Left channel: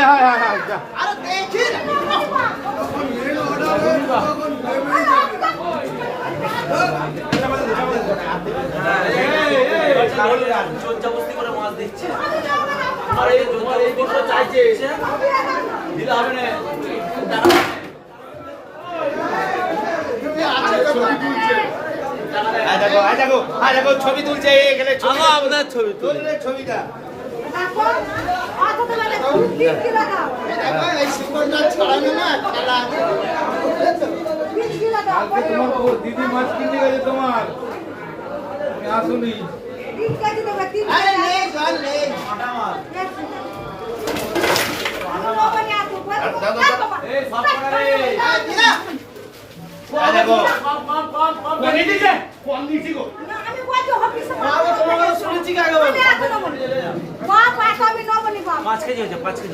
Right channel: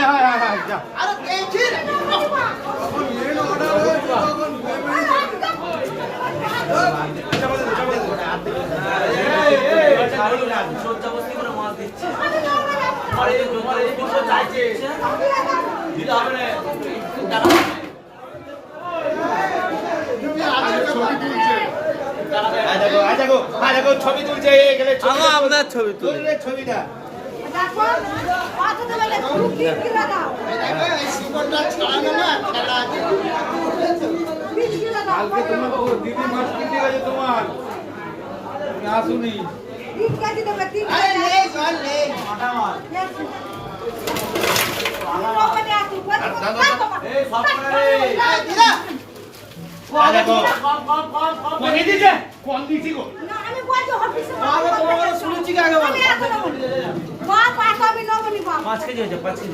হায় হায় হায় হায় যা আরে দেখছি জবরদস্তি করে মাছ দিচ্ছে আরে তোমার এই দিকটা চাইছে দিতে হবে না দেখো ছবি তুলছে এখানে আপনার ছবি তুললে ছবিটা কালকে তোমার দিদি মাছ কিনতে গেছে তোমার আসুনি পাঁচ কেজি হয়েছে 5 কেজি